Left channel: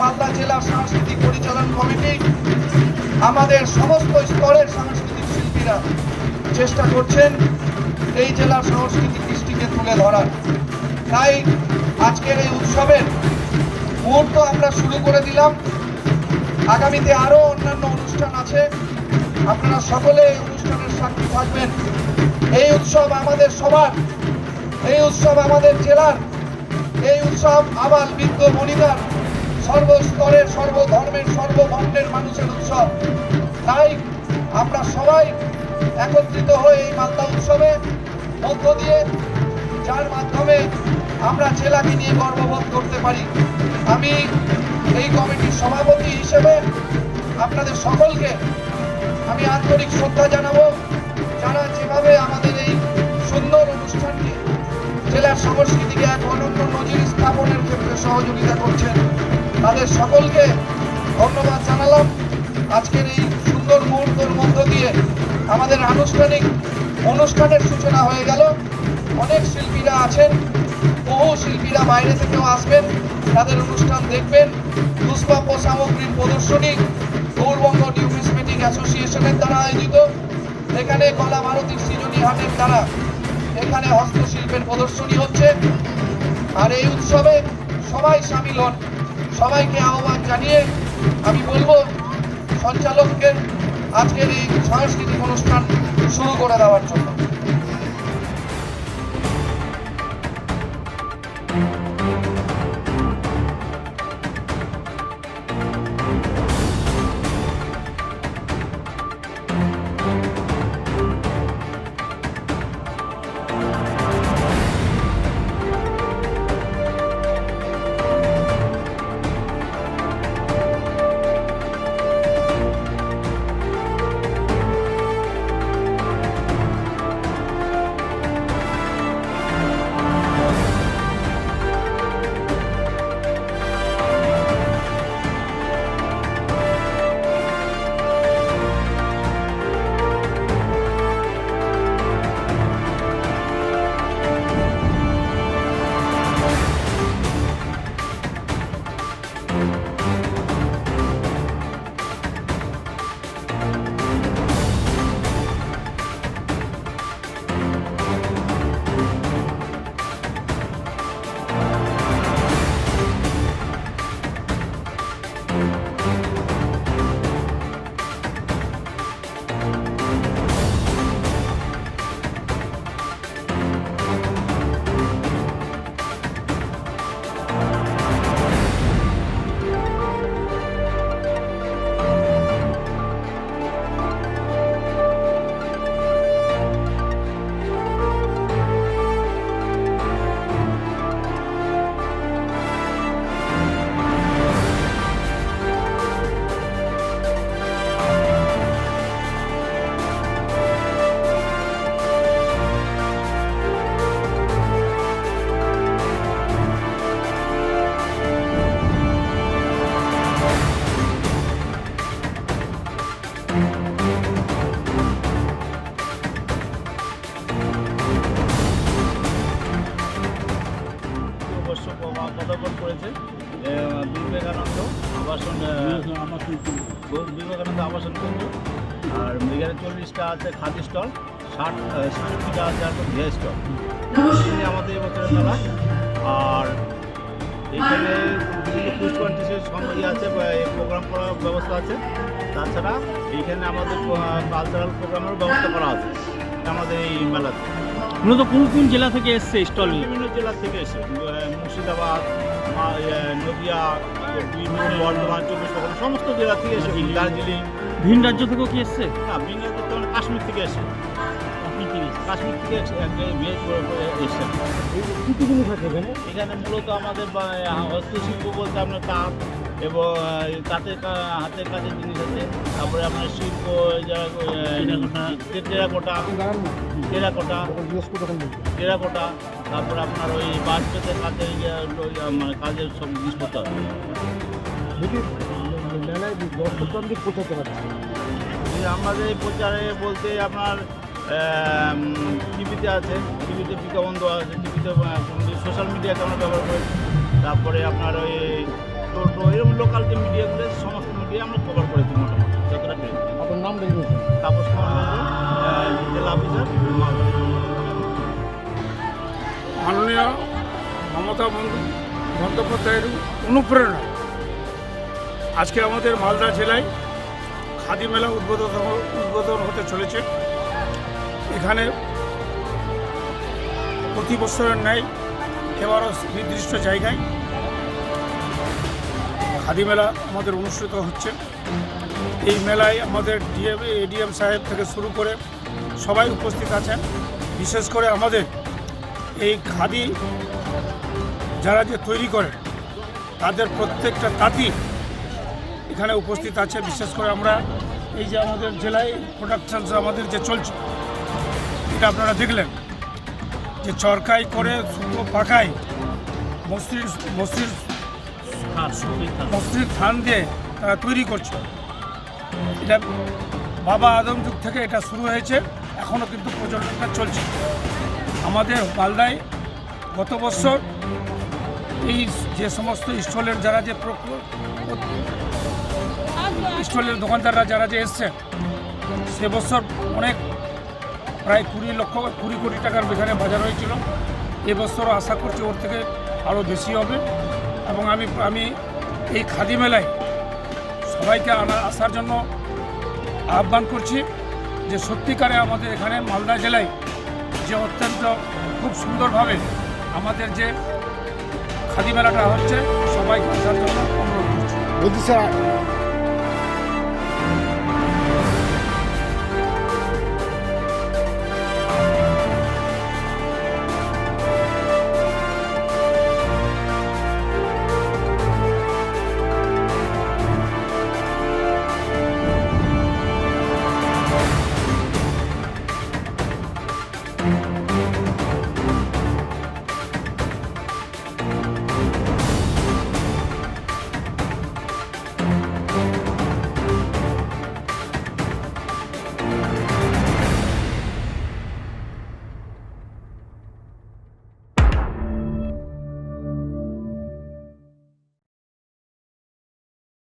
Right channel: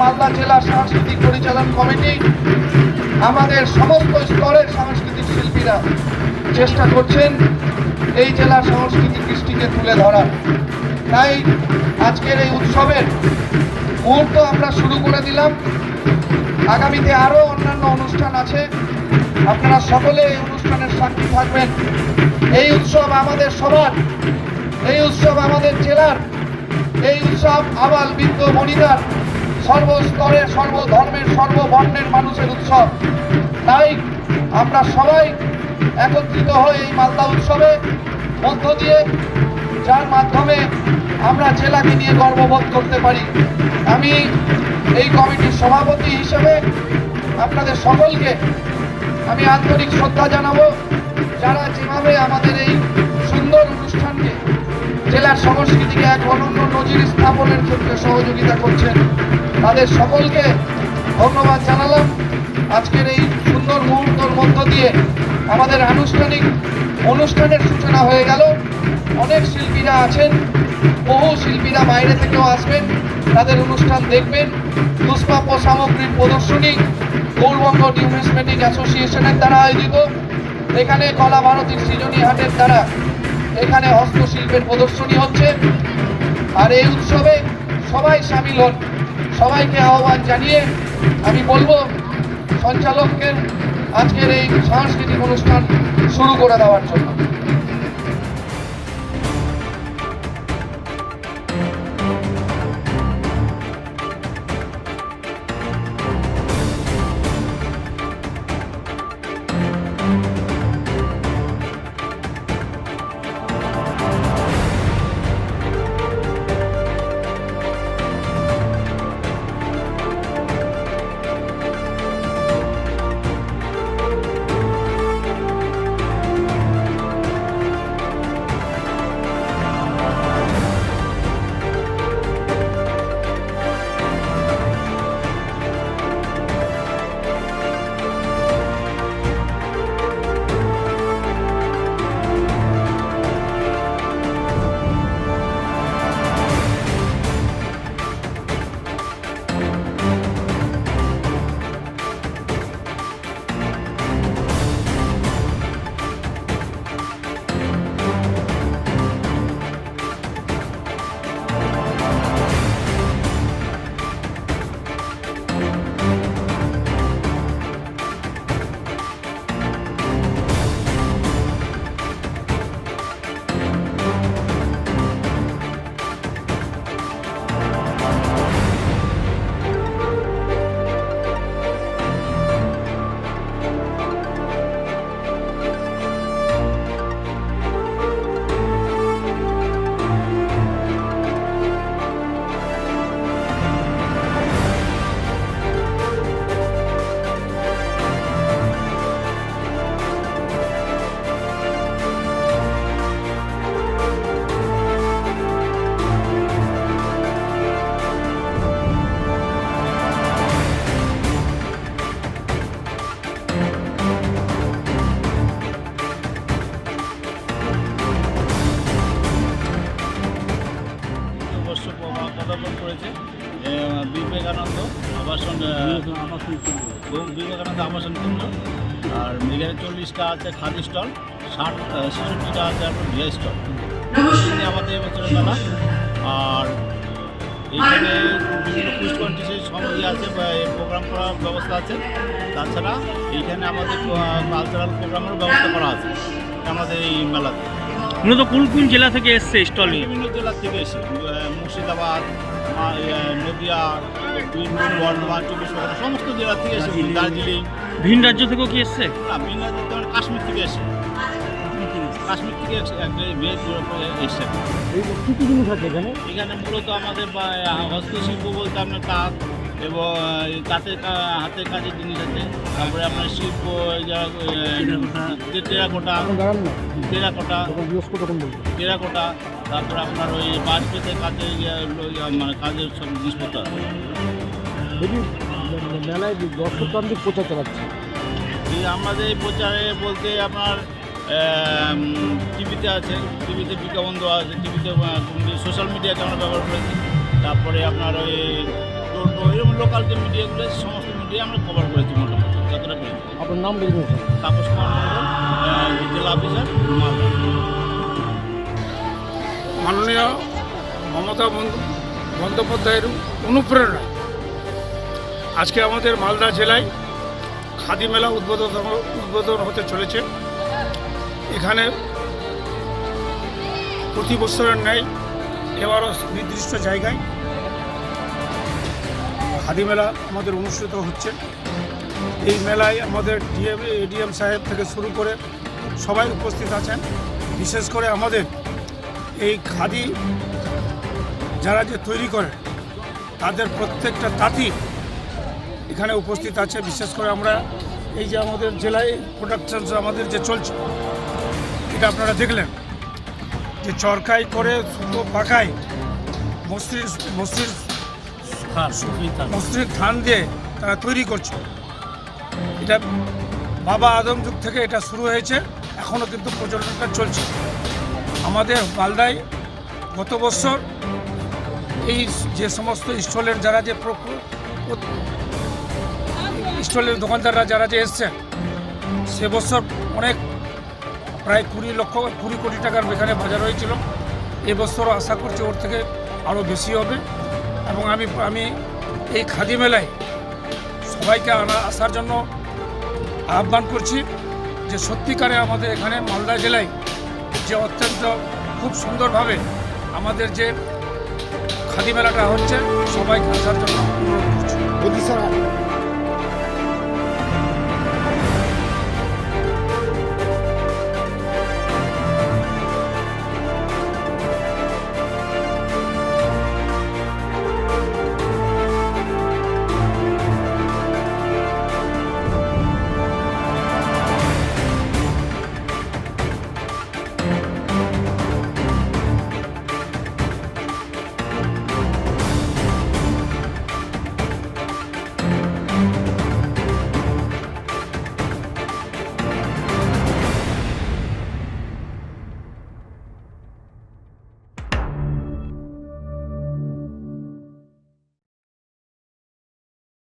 মালদা জেলা সাংস্কৃতিক পরিচালন কমিটি আমাদের সমস্ত স্তরের সাংস্কৃতিক শিল্পীরা চেষ্টা করছেন এই জেলার সাংস্কৃতিক কৃষ্টিকে তুলে ধরার। তাই আজকের এই উৎসবের মুহূর্ত আমরা শুরু করে দিলাম। আগামীতে আরও অন্যান্য অনুষ্ঠান আছে, আপনারা সকলে এই অনুষ্ঠানের সাক্ষী থাকবেন। এই উৎসব আমাদের সবার, এই উৎসব আমাদের জেলার, এই উৎসব আবাল বৃদ্ধ বনিতার সর্বস্তরের সর্বধর্মের সর্ববর্ণের মানুষের উৎসব। তাই আমরা সবাই একত্রিত হয়ে এই মালদা উৎসবে মধ্য দিয়ে, যার মাধ্যমে আমরা জেলাকে নিয়ে গর্ববোধ করতে পারি। আমি এই কমিটির সভাপতি হিসেবে আপনাদের সকলকে আমি আন্তরিক শ্রদ্ধা জানাবো, যারা যেভাবে আমাদের এই সুন্দর অনুষ্ঠানকে জেলার সংস্কৃতিকে এক অনন্য নজির স্থাপনের ক্ষেত্রে সহযোগিতা করছেন। তাদের সকলকে ধন্যবাদ জানালাম। আজকের এই সুন্দর মুহূর্তের মধ্য দিয়ে আমাদের আনুষ্ঠানিক অনুষ্ঠানের সূচনা হয়ে গেল। অনেক শিল্পীরা আছেন, বহু শিল্পীরা বাইরে থেকেও আসবেন, তাদের অনুষ্ঠান দেখবেন। দুষ্প্রাপ্য সামগ্রীর প্রদর্শনী গৌরবঙ্গ নিউমিসমেটিক অ্যাসোসিয়েশনের দ্বারা আয়োজিত। এখানে কলা ভারতীর সৃজনী হাটের দ্বারা এখানে হস্তশিল্পের প্রদর্শনী হচ্ছে। আর এই উৎসবে সবাই সামিল হন। সবাইকে আহ্বান জানিয়ে আমি বলবো সঞ্চালককে আজকের এই সাংস্কৃতিক অনুষ্ঠান শুরু করে দেওয়ার জন্য। পদার্পণ করেছে বিবেকানন্দ আবাসন কেন্দ্র। আর এখানে 40টা আছে খাদি স্টল, 66টা আছে আপনার ভিআই স্টল। আমাদের এবছরের মেলা। আর এইখানে বিভিন্ন কুইজ কন্টেস্টের আছে, প্রোগ্রাম করার ব্যবস্থা আছে। তাছাড়া এইখানে আমাদের কালচারাল প্রোগ্রামেরও ব্যবস্থা করা আছে আমাদের এই মেলাতে। মূলত কোন কোন জেলা থেকে এসছে স্টল? বিভিন্ন জেলা থেকে এসে মুর্শিদাবাদ, নদিয়া, বীরভূম, বর্ধমান, 24 সমস্ত জেলা থেকে এসে, দার্জিলিং। ভিন রাজ্য থেকেও কি এসছে? না, ভিন রাজ্য থেকে কাশ্মীর থেকে এসে, কাশ্মীর থেকে এসছে। এখানে মূলত আমাদের হস্তশিল্প বলতে আপনার তাঁত এবং তাঁতের হাতের কাজের জিনিস আছে। তারপরে আপনার শিল্প টেরাকোটা, তারপরে আপনার ওই বাঁশ পেতের কাজের মানে কাজের সব জিনিসপত্র আছে। আমাদের এই প্রচারে বলতে আপনার টিভিতে আছে, টিভিতে বিজ্ঞাপন দেওয়া আছে, টিভিতে সোশ্যাল মিডিয়াকে আমরা ব্যবহার করেছি। তারপরে আপনার ওই টোটো এরকম লোকাল যে মিডিয়াগুলো সমস্ত মিডিয়া আমরা কভার করেছি মোটামুটি যতটা পেরেছি। আপনার নাম বলবেন? তাপস কুমার মণ্ডল, জেলা অফিসার, মালদা। মাননীয় মমতা বন্দ্যোপাধ্যায়ের অনুপ্রেরণায় আজকে আমাদের মালদা জেলায় খাদি মেলা উদ্বোধন হতে চলেছে। এখানে প্রতি বছরের ন্যায় এবারও নির্দিষ্ট জায়গায় খাদি মেলা আমাদের অনুষ্ঠিত হচ্ছে। এই মেলায় আমাদের এডিএম সাহেব থেকে শুরু করে সবাই উপস্থিত আছেন। বিশেষ করে আমাদের এই খাদি যারা যে তৈরি করে তাদের প্রত্যেকটা তাঁতি এখানে উপস্থিত আছে। বিশেষ করে আমরা এই যে আমাদের জেলায় প্রোডাকশন আমাদের যে চলছে, এটা আপনারা দেখলেন যে চরকাই করে সুতো পাকায় মসৃণ থান দিয়ে তারা তৈরি করছে। এটা বাবা আদম যুগ থেকে এটা শুরু হয়েছে, এখনও কিন্তু প্রচলনটা চলছে। আমাদের মালদায় গত বছর এই যে সমস্ত স্টলের যারা যে স্টলের দোকানদাররা যারা যে এসছেন, সে বছর অনেক প্রায় 20 কোটি টাকার এখানে বাজার হয়েছিল। এবছরও আশা করছি ওর থেকে আরও বেশি হবে। এবং আমি এই খাদি মেলায় সবাইকে আসার জন্য আহ্বান করছি যে সত্যিকারে আমাদের এখানে মালদা জেলায় যে অত্যন্ত খুব সুন্দরভাবে আমাদের যে খাদি মেলাটা হচ্ছে, সবাইকে আসার জন্য অনুরোধ করছি। বলছি স্যার,